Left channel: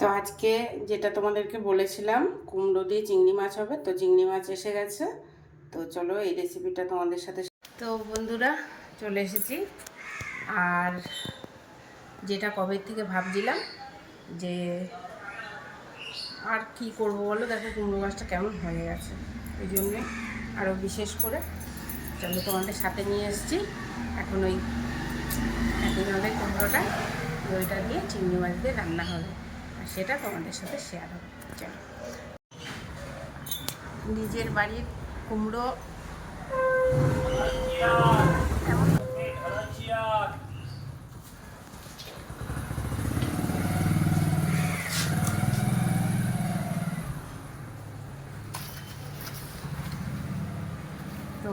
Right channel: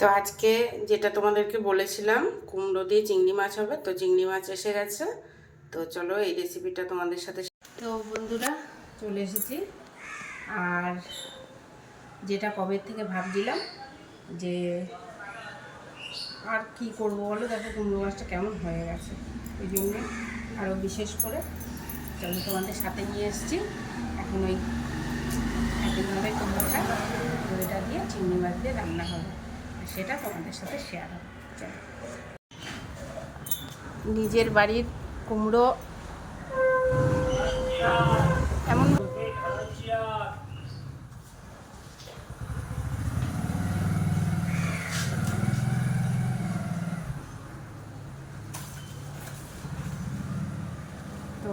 তো আজকে যেটা তোমাদেরকে বলেছিলাম, কুমড়ো দিয়ে চিংড়ি মাছ হবে, তো চিংড়ি মাছ এসে গেছে। তো চলো এই রেসিপিটা তোমাদের সাথে তো বন্ধুরা, চলে এসেছি। আর যেটা কবে থেকে ভাবছিলাম যে আর কি করব বলো? দেখো কুমড়ো গাছটা কেমন হয়ে গেছে। ওই জন্যে আরও বিশেষ করে চলো তোমাদের সাথে নিয়ে এসেছি। এখন ওই একদিন হবে কুমড়োটা, ওইটা দিয়ে চিংড়ি মাছ দিয়ে রান্না হবে। সেটা তোমাদের সাথে শেয়ার হবে। চলো। নিজের বাড়ির কুমড়ো। এমন তো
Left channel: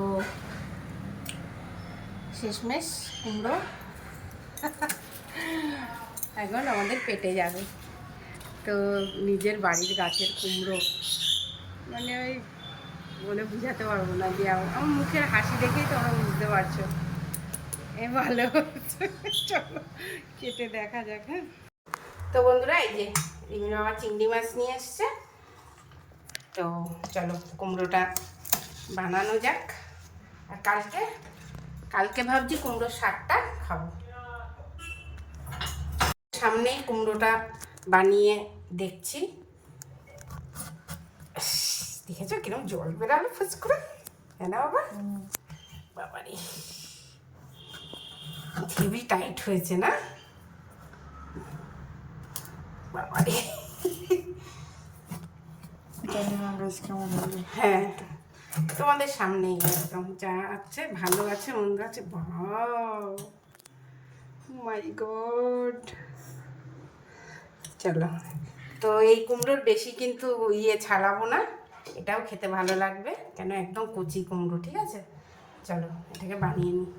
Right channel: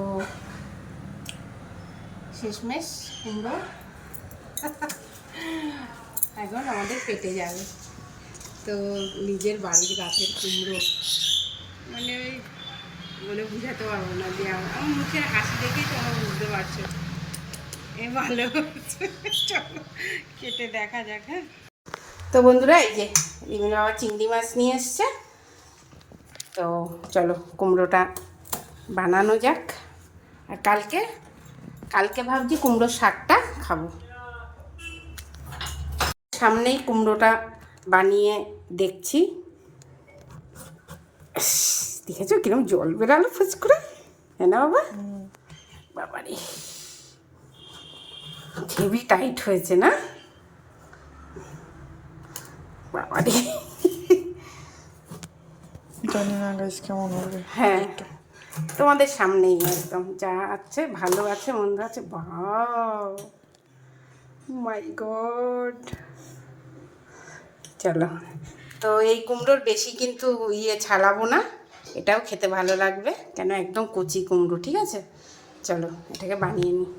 শেষমেশ কুমড়ো। এখন আমাদের পেটে যাবে। তো নিজের বাড়ির গাছের কুমড়ো। মানে ওই বলে বুঝাতে পারব না দিয়ে আমার মুখের হাসি দেখেই তোমরা বুঝতে পারছ। এ ভালো চলো, কেটে দেখা যাক হ্যাঁ। তো বন্ধুরা, এই যে রিমিন আবার চিংড়ি মাছ নিয়ে এসছে। তো চলো, কুমড়োটা বানানো যাক। আর কালকে কালকে ভাবছি কুমড়োর শাকটা খাব। সামনেই কুমড়োটা বানিয়ে দেখছি। দেখেছ কিরম জল বেরালো ফুচ করে হ্যাঁ না বাবা? বাবা বাবারে হেভি টাইট হয়েছে না? বাবারে। জানি না গাইস কেমন হবে হ্যাঁ। তোমাদের সামনেই একদম যা আছে ভালো আছে মন্দ আছে বাও মাই গড চলো। তো এই কুমড়োর বেশি কিন্তু ইয়ে ছাড়াবো না, এটাও খেতে ভালো লাগবে কেন একদম কচি কুমড়ো, ঠিক আছে? চলো, এটাকে বানিয়ে নিই।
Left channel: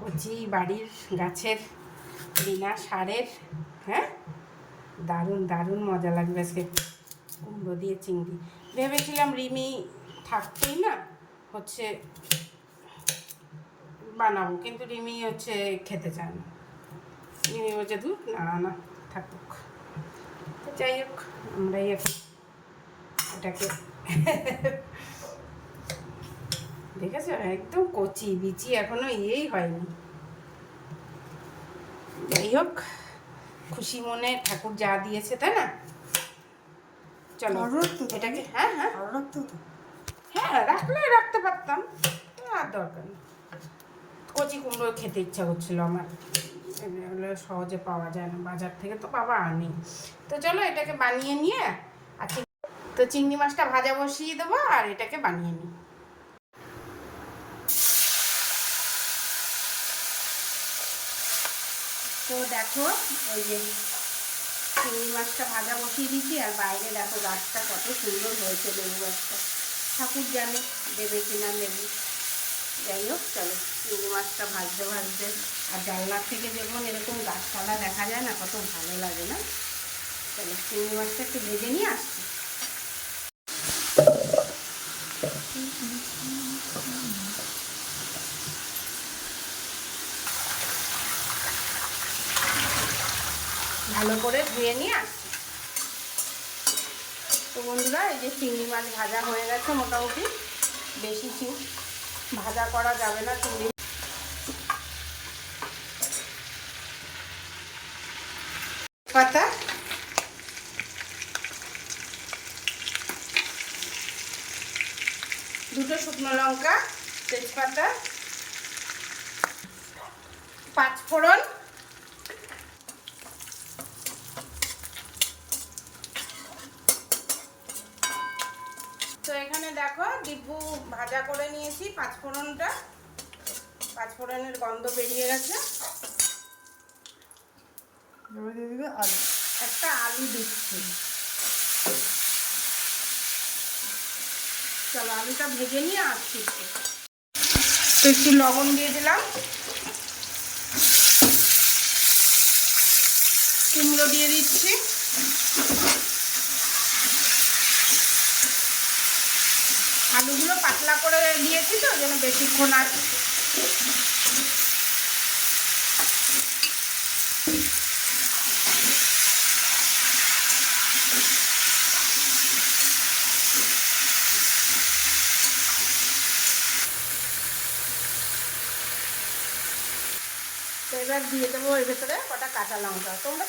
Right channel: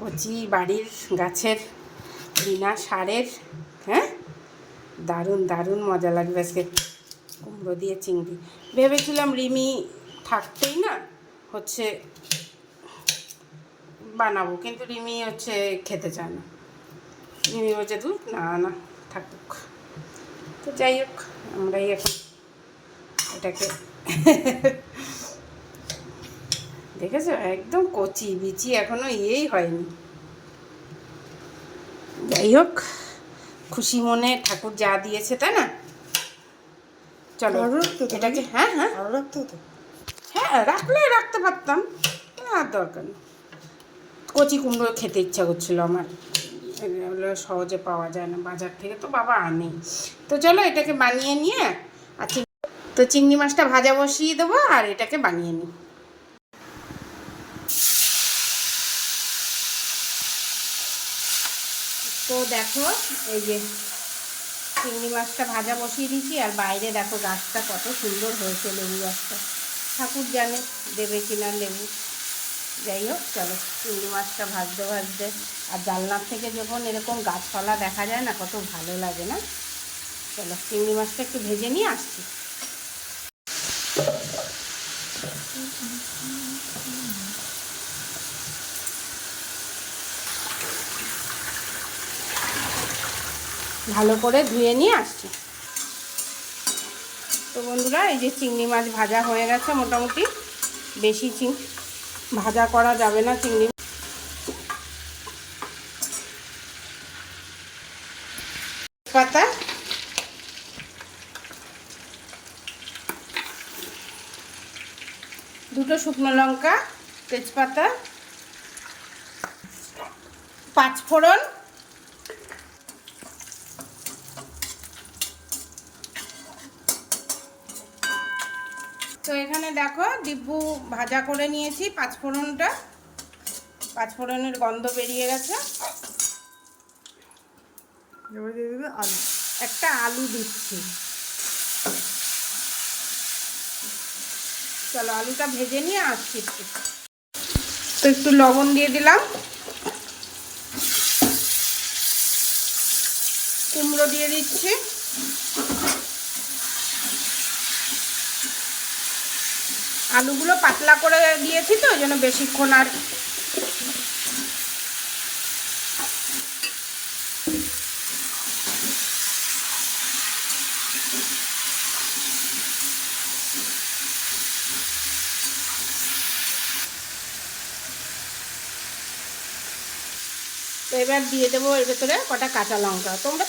কচি বাড়ির গাছের বিনা সারের হ্যাঁ? দারুণ দারুণ মজা লাগবে আজকে কুমড়ো দিয়ে চিংড়ি। ভেবেছিলাম রিমি থাকতেই না, হচ্ছে বানাবো কিন্তু রিমি হচ্ছে খেতে চায় না। রিমি বলছে দূর না না থাকুক। তো যাই হোক আমরাই এখন এটাকে দেখেছ? একদম কচি বিচি এখনও ইয়েই হয়নি। যাই হোক খুশি মনে ঠাকুর যা দিয়েছে তাই না? চলো এটাকে হ্যাঁ হ্যাঁ। রাখতে হতো হ্যাঁ রাখলে রাখতে পারতাম আর দরকার নেই। কচি কুমড়ো খেতে ইচ্ছা করছিল আমার। এগুলো সহজে পাওয়া যায় না, বাজার থেকে তো বাবা আনেই তো চলো এটাকে বানিয়ে নিয়ে আচ্ছা তো চিংড়ি মাছটা ভাজা বসিয়ে দেবো আর এটাকে বানিয়ে নিই। তো দেখো, এই যে চিংড়ি মাছটা ভাজা বসিয়ে দিয়েছি, আর বাইরে দেখো গাছটা কত সুন্দর হয়েছে লেবু গাছটা। ঠাকুর জানে দেবে কিনা দেবে। যাই হোক, চলো চিংড়ি মাছটা ভাজতে ভাজতে। আর জানলার থেকে যখন এরকম গাছপালা দেখা যায় না, কত ভালো লাগে না? চলো, চিংড়ি মাছটা একটু ভেজে নিয়ে আসছি। ভালো করে ধুয়ে নিয়ে আসছি। তো বন্ধুরা, এই যে চিংড়ি মাছ ভাজা হয়ে গেছে মোটামুটি, বেশি চিং ভাজা করা যাবে না চিংড়ি দুটো শুকনো লঙ্কা তেজপাতা। পাঁচ তো এখানে দেখো ডিব্বু ভাজা করে নিয়েছি পাঁচফোড়নটা। পাঁচফোড়নের গন্ধ বেরিয়ে গেছে। এবার দিয়ে দিবে আলু। একটা আলু দিচ্ছি। চলো আলুটা ভেজে নিয়ে আসছি তো একটু লবণ দিয়ে দিলাম। কুমড়ো দিয়ে দিচ্ছি। আলুগুলো পাতলা করে দিয়েছি তো, ওই জন্য বেশিক্ষণ আর এবার দিয়ে দেবো এর ভেতরে কটা কাঁচা লঙ্কা। তোমরা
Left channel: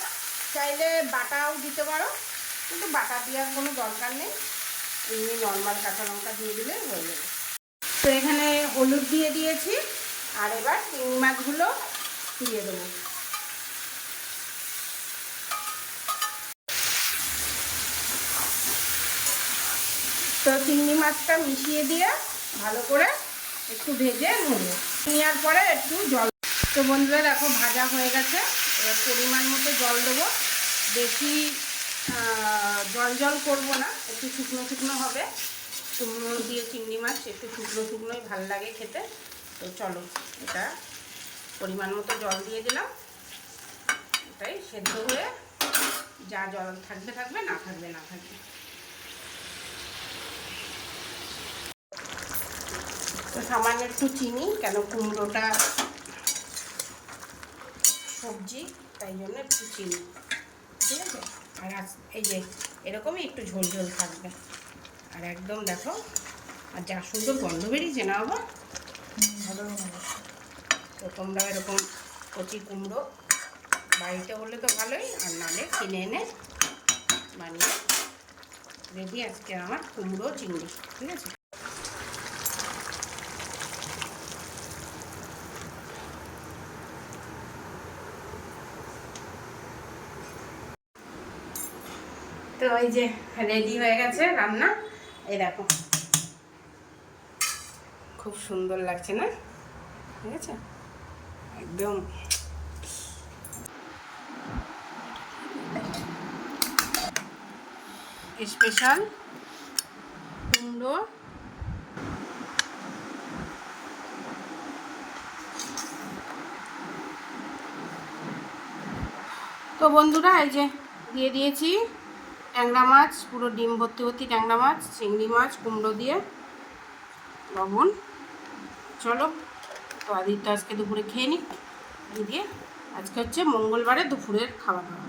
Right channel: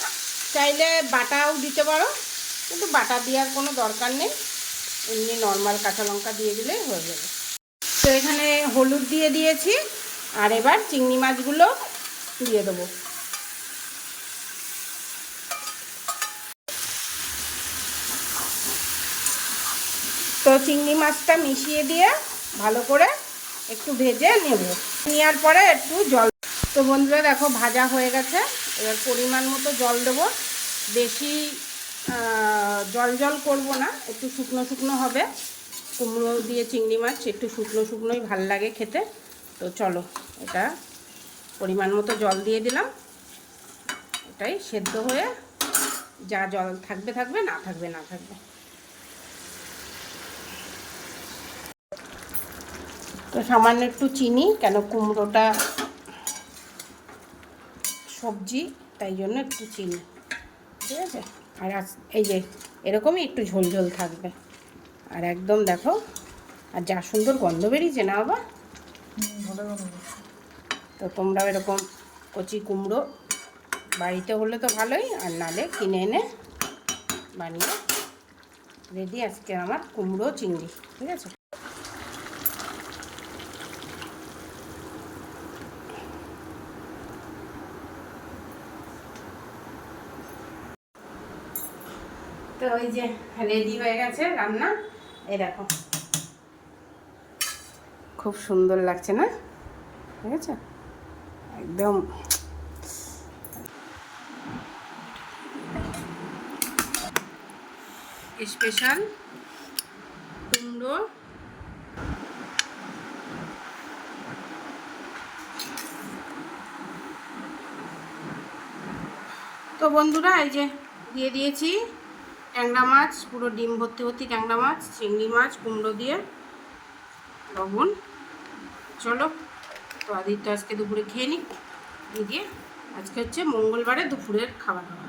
চাইলে বাটাও দিতে পারো, কিন্তু বাটা দেওয়ার কোনো দরকার নেই। এমনি নর্মাল কাঁচা লঙ্কা দিয়ে দিলে হয়ে যাবে। তো এখানে হলুদ দিয়ে দিয়েছি, আর এবার চিংড়ি মাছগুলো দিয়ে দেবো। তো চিংড়ি মাছটা মিশিয়ে দিয়ে ভালো করে একটু ভেজে নেব। নেওয়ার পরে একটু জল তো বন্ধুরা দেখো, ভাজা হয়ে গেছে। এবার পরিমাণ মতো জল দেবো। বেশি জল জল করব না, একটু শুকনো শুকনো হবে। কুমড়ো দিয়ে চিংড়ি মাছ, একটু শুকনো শুকনোই ভালো লাগে খেতে। তো চলো, এটা পরিমাণ মতো জল দিয়ে দিলাম। এটাই সেদ্ধ হয়ে যা জল থাকবে থাকবে, না থাকবে না থাকবে। তো সামান্য একটু চিনি, কেন কুমড়োটা সবজি, তাই জন্য একটু চিনি। ঠিক আছে? আর এই যে, এরকমই একটু ঝোল ঝোল থাকবে। আর একদম দেখো, আর যা সুন্দর গন্ধ বেরিয়েছে না বানাবো তো তোমরাও এরকম কচি কুমড়ো বাড়িতে হলে তো ভালোই, আর নালে কিনে এনে বানিয়ে রেডি আজকে আমার কুমড়ো চিংড়ি, ঠিক আছে? ওই যে রেডি হয়ে গেছে রান্না। এই দেখো। খুব সুন্দর লাগছে না? ঠিক আছে? একদম। স্পেশাল কুমড়ো। তো বন্ধুরা, এই যে দিয়ে দিয়েছি। ট্যাংরা মাছ, পুরো ডিম ভর্তি ভর্তি ট্যাংরা মাছ, চিংড়ি মাছ, কুমড়ো দিয়ে লবণ। চলো, তো আদিত্য আজকে দুপুরে খেয়ে নিই। দিয়ে আজকে হচ্ছে মঙ্গলবারে দুপুরের খাওয়া দাওয়া